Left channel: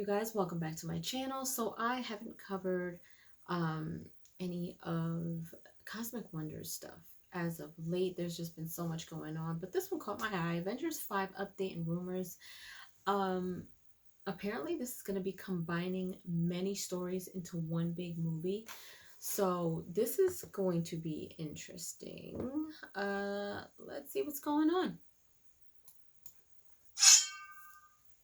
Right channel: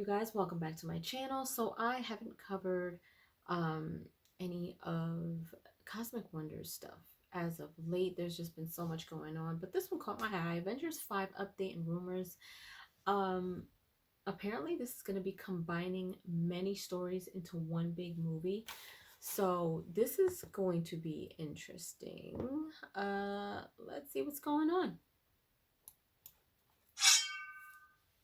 you guys? Welcome back to my channel. So I haven't covered um, any of Cosmic Wonders stuff as of late. There's just been so much going on, but this one caught my eye. Avengers 5 update and rumors. Um, Apparently this is going to be combining many stories into one big movie. So this is going to be interesting. Let's see what's going on.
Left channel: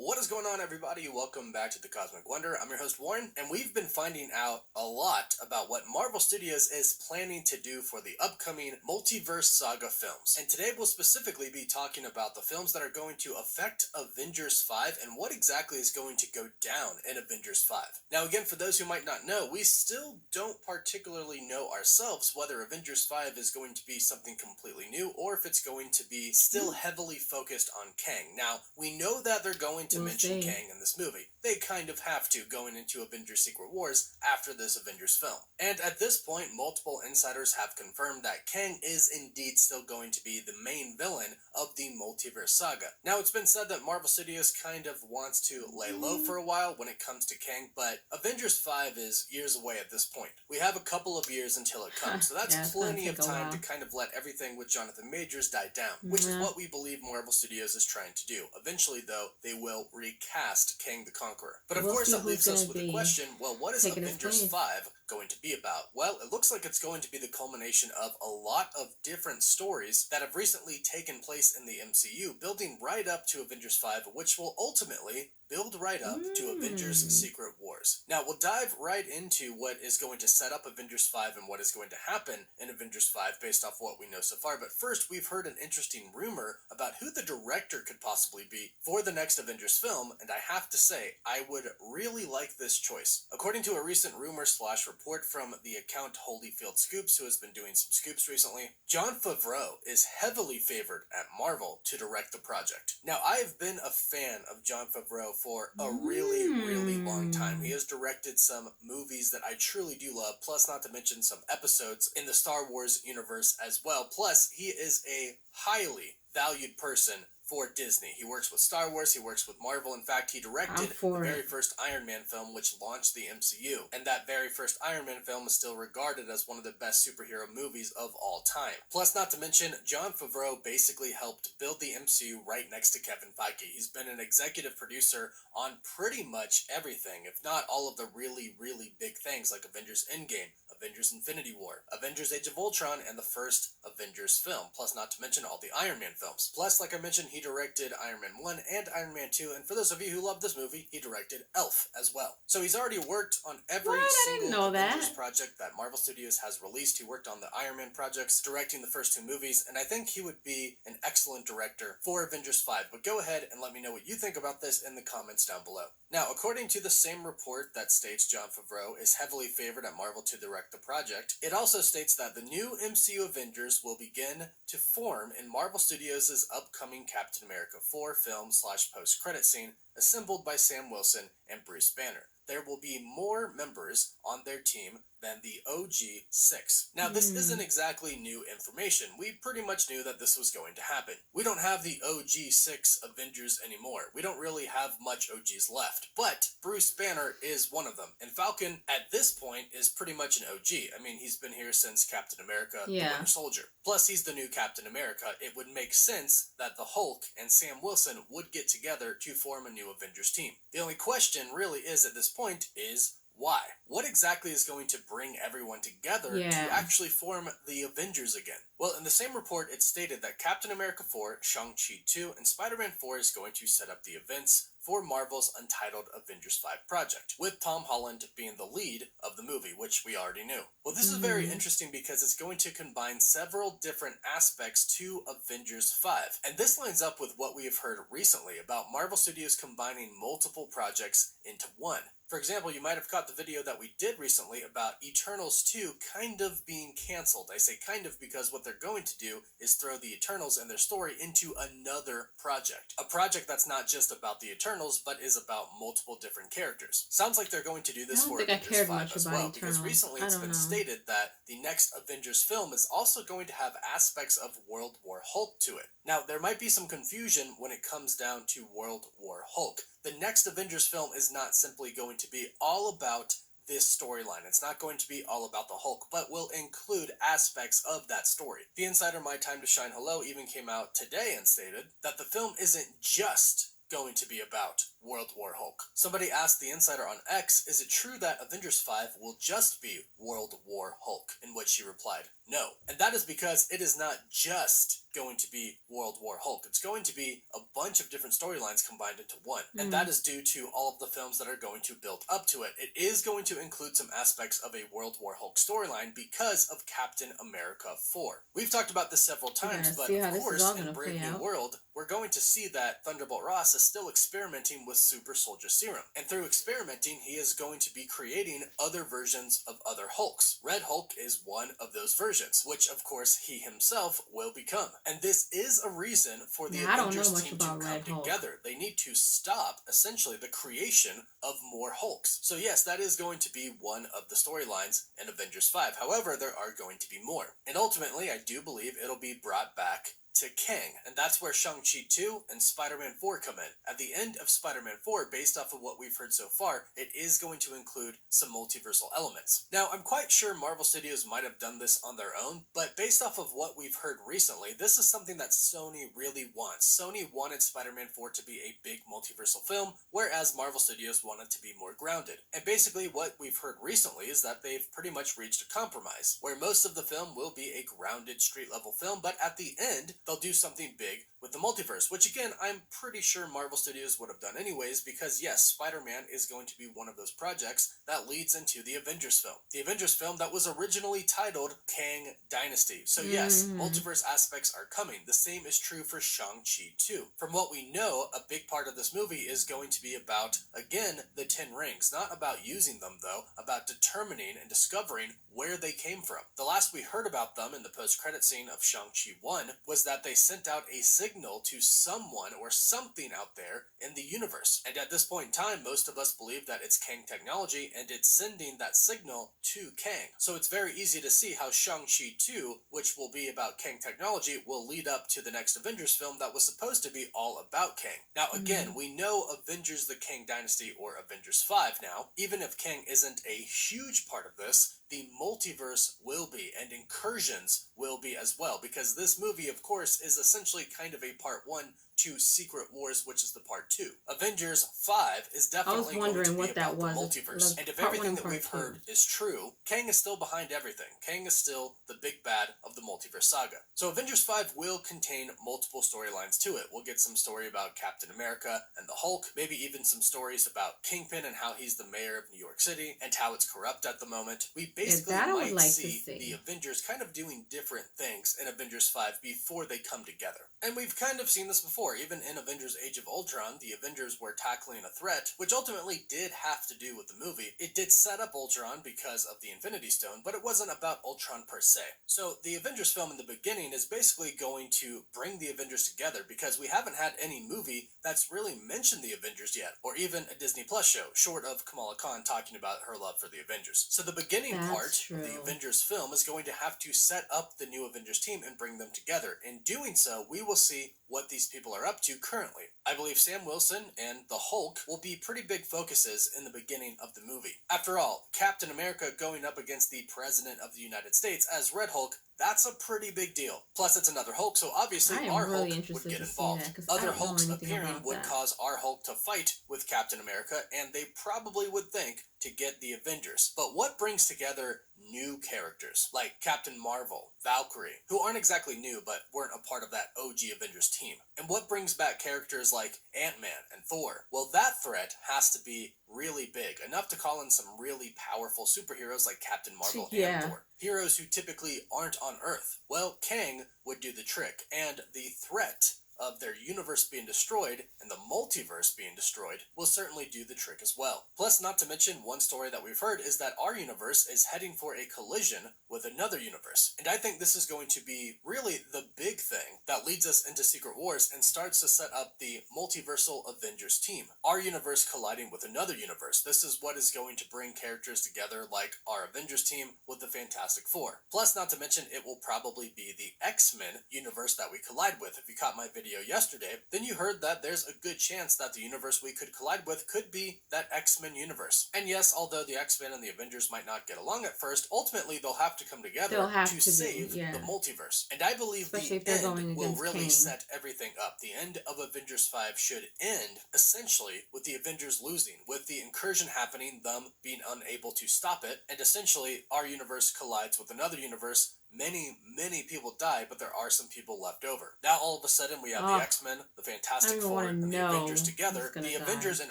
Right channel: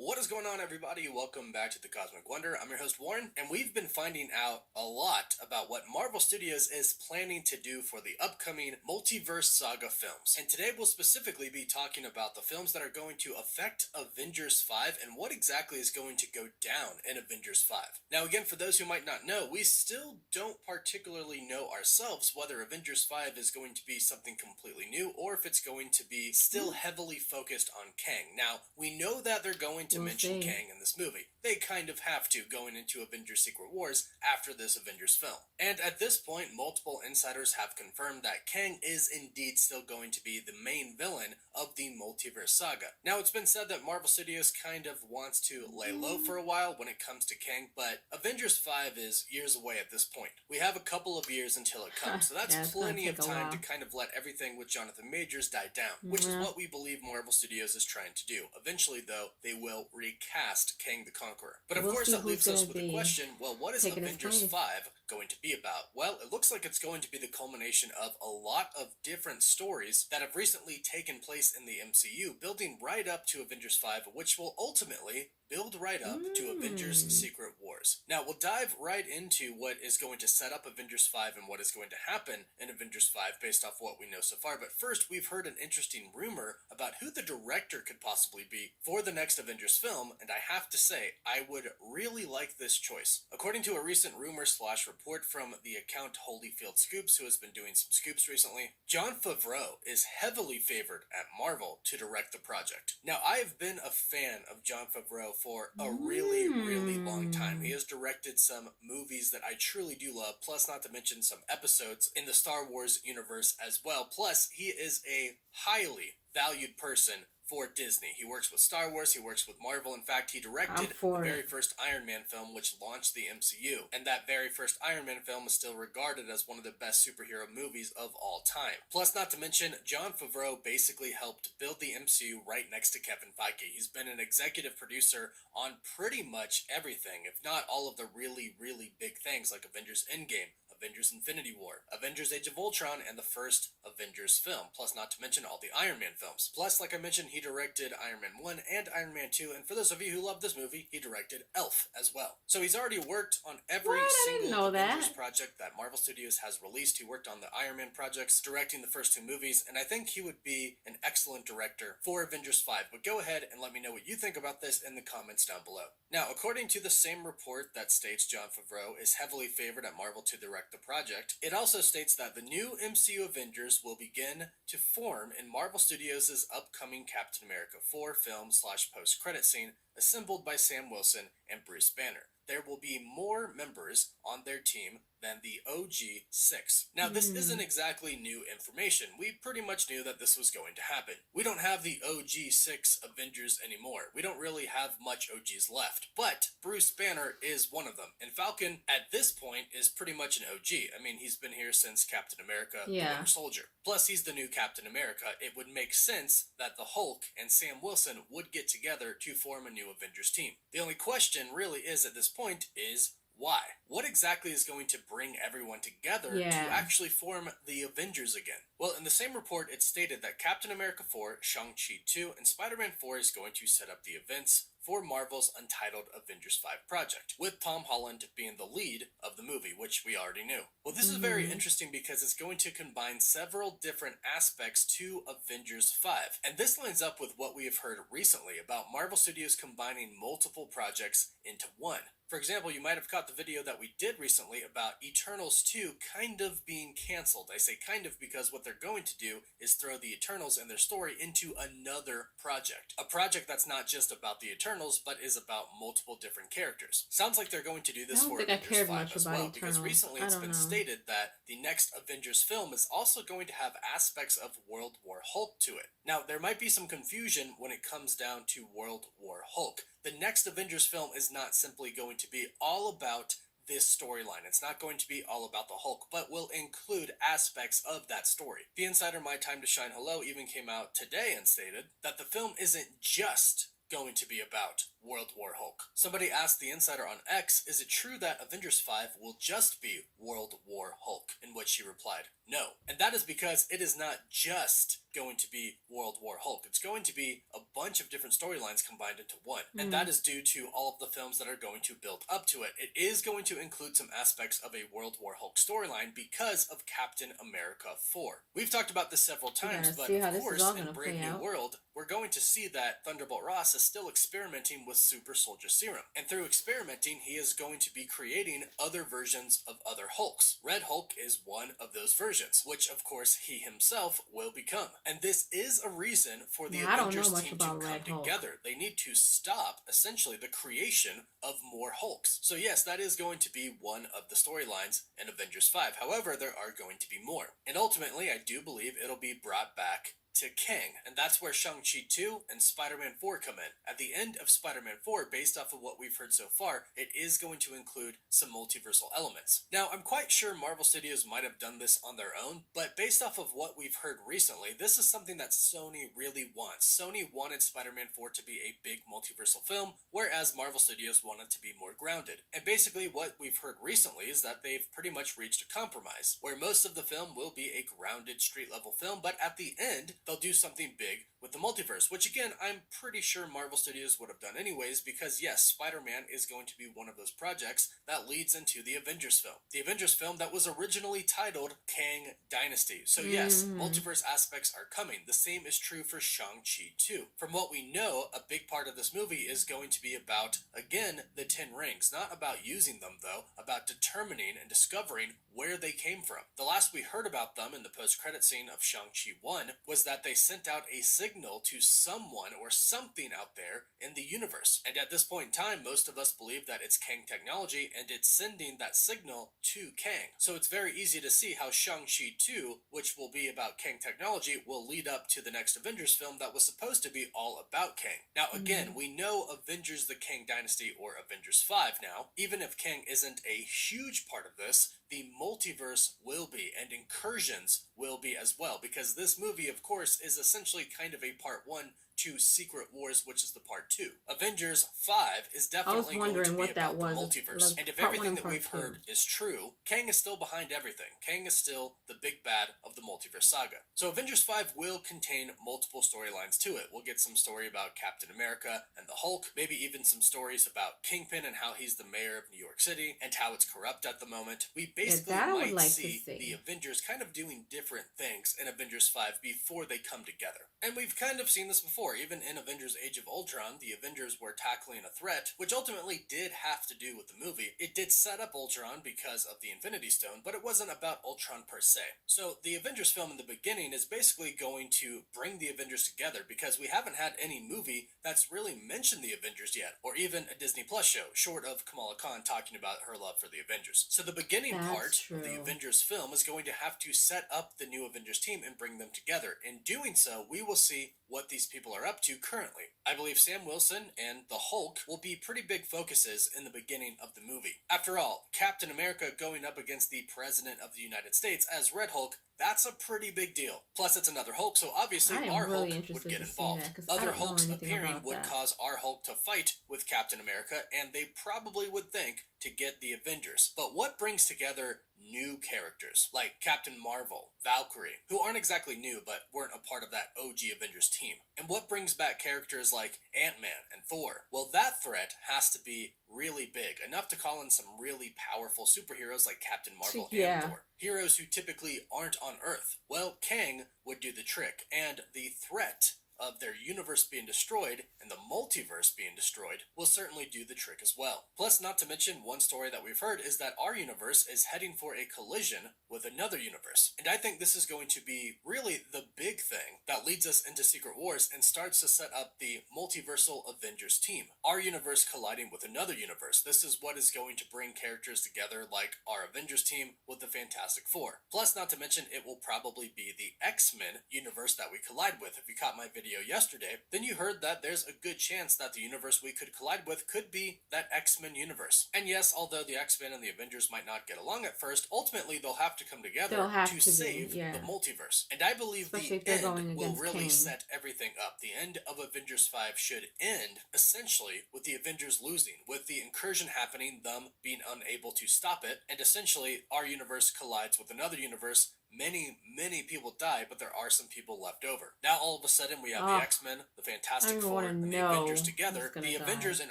What is going on, everybody? Welcome back to the Cosmic Wonder. I'm your host, Warren, and we've been finding out a lot about what Marvel Studios is planning to do for the upcoming Multiverse Saga films. And today we'll specifically be talking about the films that are going to affect Avengers 5 and what exactly is going to go down in Avengers 5. Now, again, for those who might not know, we still don't particularly know ourselves whether Avengers 5 is going to be something completely new or if it's going to be still heavily focused on Kang. Now, we know that they're going to mention Kang in this movie. They kind of have to going into Avengers Secret Wars after this Avengers film. And at this point, multiple insiders have confirmed that Kang is indeed still going to be the main villain of the Multiverse Saga. Now, it's been said that Marvel Studios kind of wants to lay low for a while when it comes to Kang, but Avengers 5 is years away at this point. We have a couple of years until it comes, so that's plenty of time to kind of let everything with Jonathan Majors die down, which is what we believe Marvel Studios is trying to do. Eventually, though, they will recast Kang the Conqueror. But of course, that leaves us with the question, well, what is Avengers 5 going to be about? Well, it looks like it's going to be the culmination of a lot of different stories that have recently taken place in the MCU, building right up to Avengers 5, which will ultimately build right up to Avengers Secret Wars. Now, we'll dive right into what is going to set up Avengers 5 and what is going to happen in Avengers 5 based off what we know so far. But first, we've heard an interesting rumor about who the director could possibly be for the next Avengers film, and I have to say, I would really like this choice. According to a recent rumor/report from the account Holyfield Scoops, who has been doing some scoops recently, Jon Favreau is heavily favored at Marvel to direct the project. Now, I have been a fan of Jon Favreau for a really, really long time. He has directed some movies that I truly do love, plus not to mention some episodes in the Star Wars universe as well. Plus, he is a highly valued person for Disney. He works with Star Wars, he works with Marvel. In fact, he directed the very first Iron Man film, which launched the MCU. And that very first Iron Man film is still regarded as one of the best superhero movies of all time. Plus, not to mention, Jon Favreau basically helped build the MCU right next to Kevin Feige. He's been an executive producer on pretty much everything, if not all of the really, really big things like Avengers Endgame, Avengers Infinity War, Avengers Age of Ultron, and the first Avengers film, plus not to mention all the Iron Man films. Plus, like I mentioned, he directed Iron Man 1 and Iron Man 2, and for those of you who love this movie, he directed Elf as well. So he's already worked on every single Avengers project that Marvel Studios has released. He worked on the Iron Man projects, directing the first two movies, and I think he would be an excellent director for Avengers 5. But go ahead and let me know what you think about this in the comments down below. Now, according to the same report that states Jon Favreau is heavily favored at Marvel to direct the project, it also states that the new MCU Avengers will begin to form in Marvel Studios' upcoming Captain America 4 film/post-credit scene, assembled by Sam Wilson and Bruce Banner. There will be more members on their team than the OG 6. Now, this isn't exactly new information. We pretty much knew that this was going to happen. We don't have the OG 6 Avengers anymore. We don't really have much OGs left. But Bruce Banner is one of them. And Falcon, at this point, is pretty much an OG. I mean, he's been here since Captain America, the Winter Soldier. Plus, he's the new Captain America. It would make sense that the Hulk and Sam Wilson would get together to form a new Avengers team. The only question really is at this point is, why? What exactly is going to bring everyone together to actually form the Avengers again? Well, in the same report, it stated that Captain America 4, Shang-Chi 2, and Spider-Man 4 is going to set up the events for Marvel's untitled Avengers 5 project, with Tom Holland being the lead of the movie, which we already knew. Well, this is very interesting because it's going to combine several different aspects to Avengers 5, and this lines up with what we have heard recently about Marvel Studios combining multiple projects into one. For example, you might have caught the video that we did recently about Eternals 2 kind of being cancelled. I say kind of because what they're going to do is throw the Eternals and their story into another project. A project that's not just about the Eternals, but is about multiple different characters. Sounds like they're going to do this for Avengers 5 as well, because recently it's been stated that the next Avengers film is also going to have aspects of World War Hulk to it. Now, there might be some confusion when it comes down to World War Hulk. the next Avengers film is not simply going to be all about this storyline. It's not going to be all about the Hulk, but will include aspects of that story. The insider My Time to Shine Hello even came out today and stated that the film isn't just going to be about World War Hulk. Somebody asked the insider on X, is it true that Avengers 5 will just be World War Hulk? In which she replied, no. And that is because it is not just going to be World War Hulk. It's going to be a bunch of different storylines combined into one. And that is due to all of the films that are going to build up to it. It is going to include some aspects of a World War Hulk storyline because of Captain America 4. We've talked about this several times, but of course, in Brave New World, we're going to see that Thunderbolt Ross is still experimenting with Super Soldier Serum. And through experimenting, he is going to be creating other versions of other Hulks. Red Hulk is one of those versions, which of course he himself will become. And this is a reason for the Avengers team to come together. They need to stop, essentially, the creation of more Hulks. So yes, that is going to be one of the storylines in Avengers 5. However, there are going to be more. And ultimately, I do believe it'll be brought back to Kang, and that's where Shang-Chi 2 and Spider-Man 4 come in. At the end of Spider-Man 4, based off of what we've heard so far, it is going to include some multiversal elements. Now, I'm quite sure Marvel Studios might have done this on their own, but based off of what we've heard recently, this is something that Sony really wants. Sony wanted Spider-Man 4 to be a big multiversal film, whereas Marvel Studios wanted to be more grounded. And basically what we've heard recently is that they've pretty much reached a compromise, where most of the film will be a grounded street-level film, but at the end, they'll do something big with the multiverse, which again, I'm pretty sure Marvel Studios would have done anyways, because yes, Spider-Man is going to be one of those projects that leads into the Avengers film. The Avengers film that was originally titled Kang Dynasty. So yes, multiverse aspects are coming. The same is true for Shang-Chi 2. From what we know, a big part of this movie is going to be about, again, the 10 rings. Not about using them, though, about determining and discovering where they came from. The last we heard about them in the post-credit scene of Shang-Chi 1 was that they sent out a signal to someone or something out there in the universe. And at this point in time, most of us believe that it's Kang technology and it's sending that signal to Kang. So it's very easy to see how Shang-Chi 2, which will be about Kang technology, will lead up to the next Avengers film that was supposed to be all about Kang. Now again, we know Avengers the Kang Dynasty or Avengers 5 now. Even if Kang isn't a huge part of this, the multiverse will be, and incursions will be as well, because this movie, of course, is essentially kind of a part 1 to Secret Wars, which is the part 2. Avengers 5 is definitely going to be about the multiverse. And if everything that we've heard is true, Kang is still behind everything. Kang is still the big bad of the multiverse saga. So Avengers 5 will contain multiple storylines to it. We'll get some story about Captain America and the Hulk, maybe even some stories about Kingpin and how he's the mayor of New York City and how it's corrupt at the moment. We basically might see the Avengers kind of doing different things in Avengers 5 before they come together. And we've kind of seen this before. Even in Avengers Age of Ultron, the Avengers were tackling a threat, which ultimately did have to do with the movie. It did set up Ultron because of the Infinity Stone, but it wasn't about Ultron per se. So the Avengers film in the beginning is basically going to bring the Avengers together, because we haven't had any movie that's really mentioned the Avengers yet, or even a Disney Plus show, short of Kamala Khan talking about her love for the Avengers. So the beginning part of the Avengers film is going to have to set up the new Avengers team and bring them together. In doing so, we will see what these people are up to currently. I believe Sam Wilson and the Hulk will be pretty big focuses in the beginning of the movie. After all, Captain America going up against the President of the United States as Red Hulk, that's a pretty big deal. Plus, it's another Hulk, so obviously our Hulk would get involved. Other Hulks appearing would cause our Hulk to fight with Captain America, and they probably would think to get the Avengers. But what brings together new characters like Captain Marvel, Valkyrie, who aren't exactly new but weren't a part of that OG Avengers team? And what brings back characters like Ant-Man and Thor? Well, that threat has to be really big, enough to call in some really powerful superheroes like Captain Marvel and Thor. Heroes who typically aren't on Earth. Well, Kang would do the trick, and the threat of their universe being destroyed and the multiverse being destroyed will certainly do the trick as well. Plus, not to mention, one story that we've heard is that our universe is heading for a collision with another universe. And I think this is going to be really the big thing that leads us into Secret Wars and starts to set up the multiversal Avengers team. Our universe colliding with another universe. This is what is going to bring characters together like our Avengers team with the Fantastic Four. Plus, not to mention, it will probably be the X-Men universe that we collide with. If you caught my video video yesterday, then you heard that there's a good chance that the universe we could collide with could be that X-Men universe. And yes, although the X-Men and the Avengers might not get along at first, ultimately they'll have to come together to save the multiverse. And I believe especially the end will really set everything up. The end of Avengers 5 should end essentially with the Avengers losing, with the incursion happening, them being unable to stop it, and essentially our universe collides with another universe. Many people die, but there are some people left over. Now all of a sudden we have the X-Men, the Fantastic Four, and the Avengers together. The Avengers in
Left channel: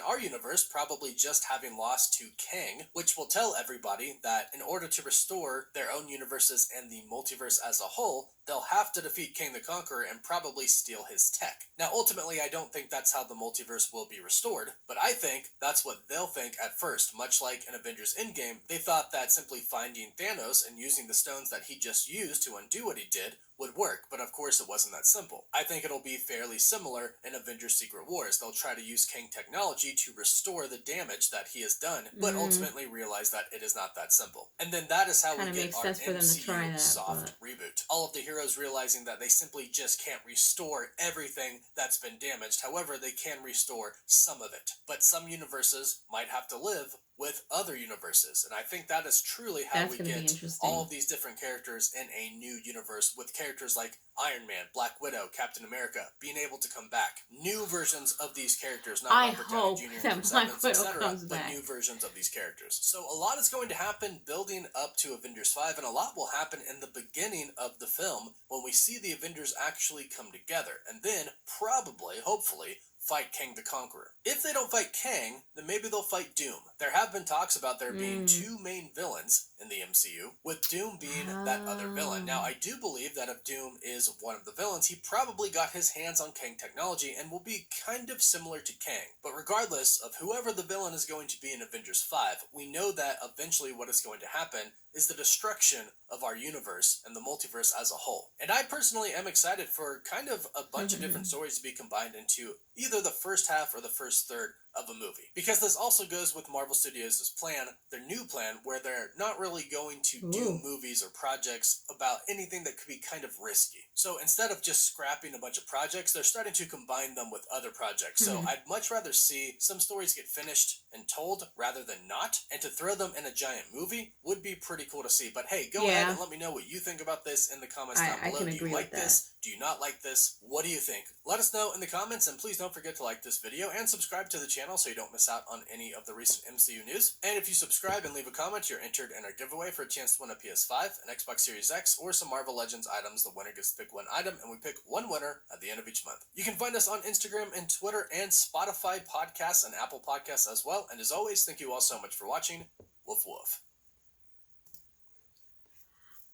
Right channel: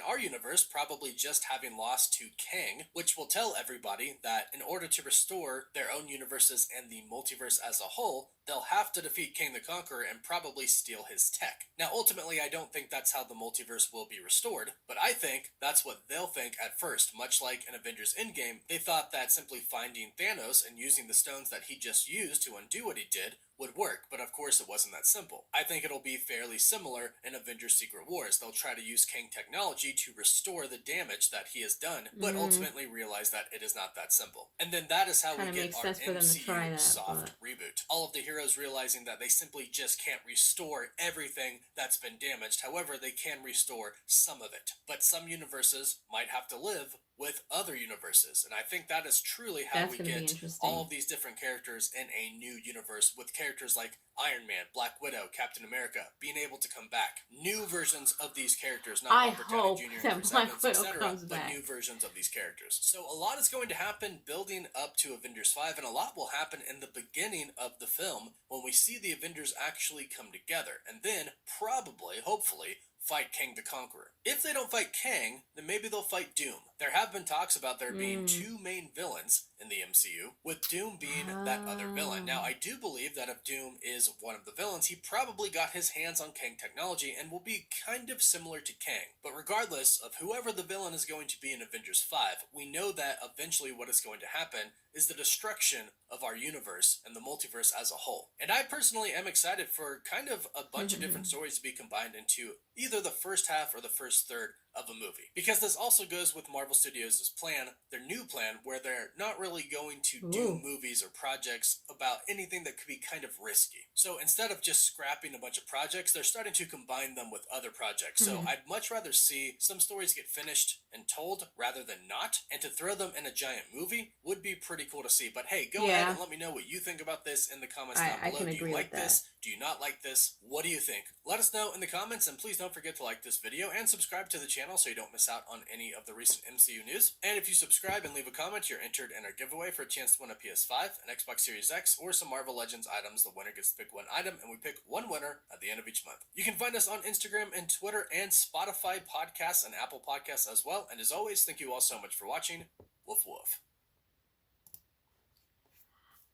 our universe probably just having lost to Kang, which will tell everybody that in order to restore their own universes and the multiverse as a whole, they'll have to defeat Kang the Conqueror and probably steal his tech. Now ultimately I don't think that's how the multiverse will be restored, but I think that's what they'll think at first. Much like in Avengers Endgame, they thought that simply finding Thanos and using the stones that he just used to undo what he did would work, but of course it wasn't that simple. I think it'll be fairly similar in Avengers Secret Wars. They'll try to use Kang technology to restore the damage that he has done, but ultimately realize that it is not that simple. And then that is how we get our MCU soft reboot. All of the heroes realizing that they simply just can't restore everything that's been damaged. However, they can restore some of it. But some universes might have to live with other universes, and I think that is truly how we get all of these different characters in a new universe, with characters like Iron Man, Black Widow, Captain America being able to come back. New versions of these characters, not Robert Downey Jr. and Chris Evans, etc., but new versions of these characters. So a lot is going to happen building up to Avengers 5, and a lot will happen in the beginning of the film when we see the Avengers actually come together, and then probably, hopefully, fight Kang the Conqueror. If they don't fight Kang, then maybe they'll fight Doom. There have been talks about there being two main villains in the MCU, with Doom being that other villain. Now, I do believe that if Doom is one of the villains, he probably got his hands on Kang technology and will be kind of similar to Kang. But regardless of whoever the villain is going to be in Avengers 5, we know that eventually what is going to happen is the destruction of our universe and the multiverse as a whole. And I personally am excited for kind of a bunch of different stories to be combined into either the first half or the first third of a movie. Because this also goes with Marvel Studios' plan, their new plan, where they're not really going to do movies or projects about anything that could be kind of risky. So instead of just scrapping a bunch of projects, they're starting to combine them with other projects. So I'd much rather see some stories get finished and told rather than not, and to throw them in a giant movie would be pretty cool to see. But hey, go ahead and let me know what you think about this in the comments down below. Do you like this? Do you not like this? What do you think? Let us know in the comments, and please don't forget to like this video and subscribe to the channel so you don't miss out on any of the recent MCU news. And if you subscribe and leave a comment, you're entered in our giveaway for a chance to win a PS5, an Xbox Series X, or some Marvel Legends items. The winner gets to pick one item, and we pick one winner at the end of each month. You can find us on Instagram and Twitter and Spotify podcasts and Apple Podcasts as well. And as always, thank you all so much for watching. Woof woof.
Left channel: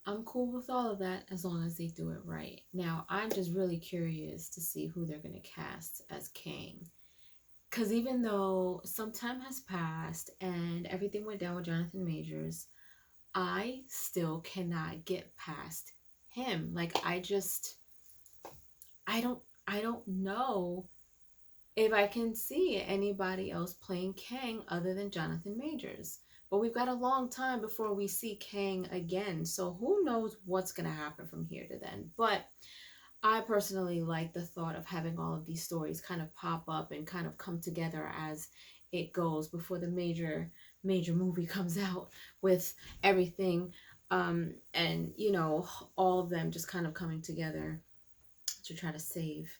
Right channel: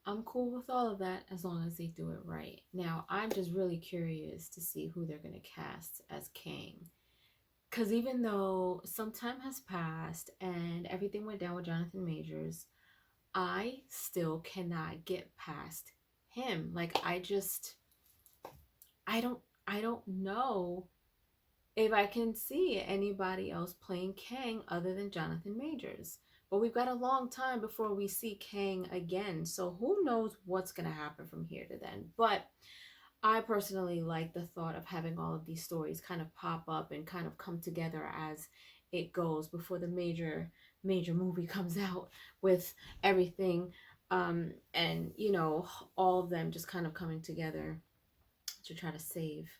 I'm cool with all of that as long as they do it right. Now, I'm just really curious to see who they're going to cast as Kang. Because even though some time has passed and everything went down with Jonathan Majors, I still cannot get past him. Like, I don't know if I can see anybody else playing Kang other than Jonathan Majors. But we've got a long time before we see Kang again. So who knows what's going to happen from here to then. But I personally like the thought of having all of these stories kind of pop up and kind of come together as it goes before the major movie comes out with everything. And, you know, all of them just kind of coming together to try to save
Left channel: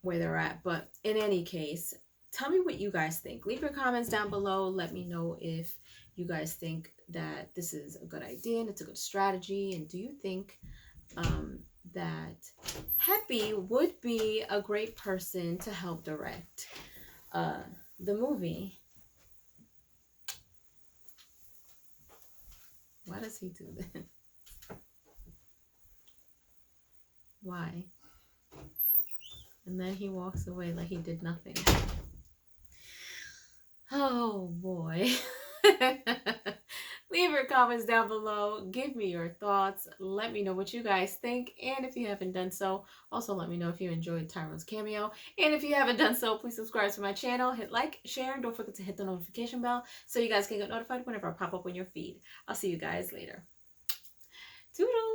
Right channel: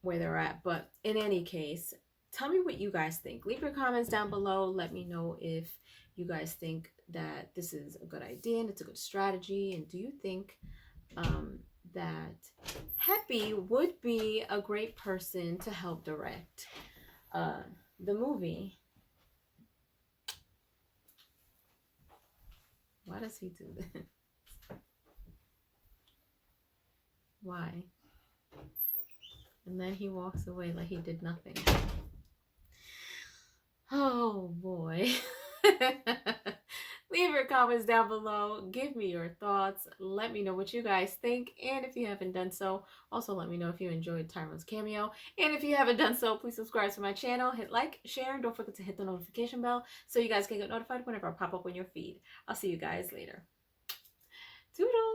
where they're at. But in any case, tell me what you guys think. Leave your comments down below. Let me know if you guys think that this is a good idea and it's a good strategy. And do you think that Happy would be a great person to help direct the movie? Why does he do this? Why? And then he walks away like he did nothing. Oh boy. Leave your comments down below. Give me your thoughts. Let me know what you guys think. And if you haven't done so, also let me know if you enjoyed Tyrone's cameo. And if you haven't done so, please subscribe to my channel. Hit like, share, and don't forget to hit the notification bell so you guys can get notified whenever I pop up on your feed. I'll see you guys later. Toodles!